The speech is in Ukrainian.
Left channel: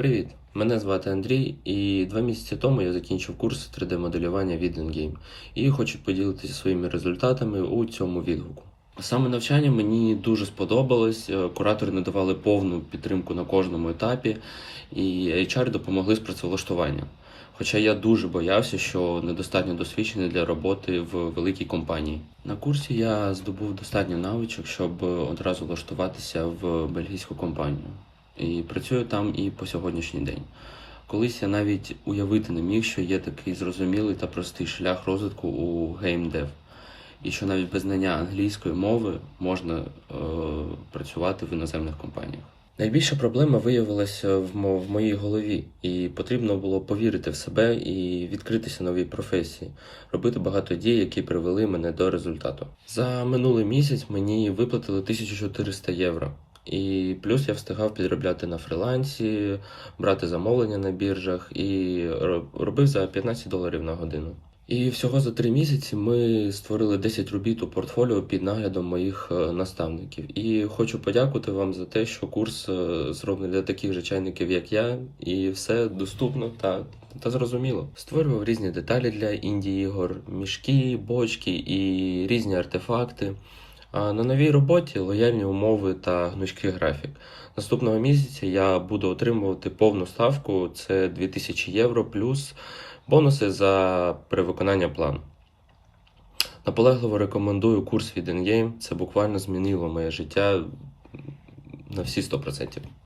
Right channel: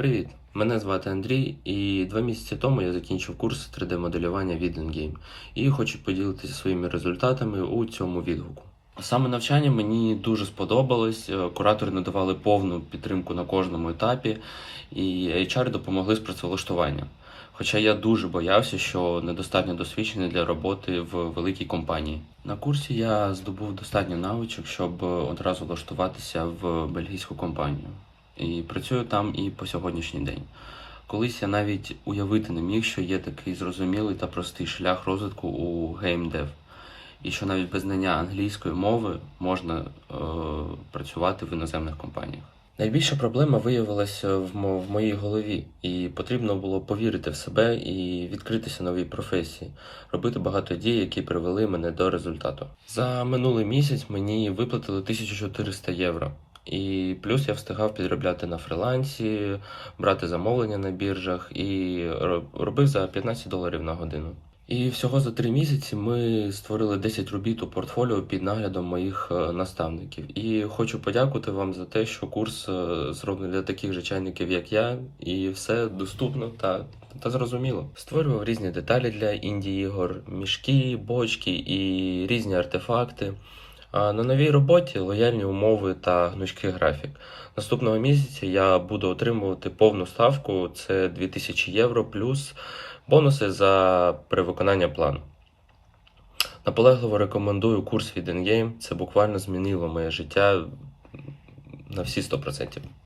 Привіт! Мене звати Андрій, і два місяці тому я закінчив курс 3D-моделювання від Endgame і хочу поділитися своїми результатами у цьому відгуку. Саме навчання мені дуже сподобалось. е, Куратори надавали повну підтримку на кожному етапі, і HR допомогли з працевлаштуванням. Хоча я дуже боявся, що недостатньо досвідчений для роботи в великій компанії. На курсі я здобув достатньо навичок, щоб одразу влаштуватися в бельгійську компанію. І працюю там і по сьогоднішній день. Колись я навіть уявити не міг, що є такий зрозумілий та простий шлях розвитку у геймдев, і що навіть без знання англійської мови можна е, працювати в іноземних компаніях. Найбільша проблема виявилася в, мо- в моїй голові, і потрібно було повірити в себе і відкритися новій професії, робити багато дій, які привели мене до результату. За минулий місяць мені виплатили 1400 євро. І плюс я встигав підробляти на фрилансі, брати замовлення на біржах і робив за 15 доларів на годину. І всього за три місяці ми створили 10 робіт у портфоліо під наглядом моїх е, наставників. І хочу подякувати вам за те, що курс е, зроблений для таких же чайників, як я, і все доступно та, та зрозуміло. Створював різні деталі для інді ігор, мішки, бочки і різні артефакти. На новій роботі лояльні умови та гнучкий графік. Наступного місяця я буду отримувати повну ставку це 2000 євро плюс бонуси за перевиконання плану. Наполегливо рекомендую курс від Endgame. Це буквально змінило моє життя на всі 100%.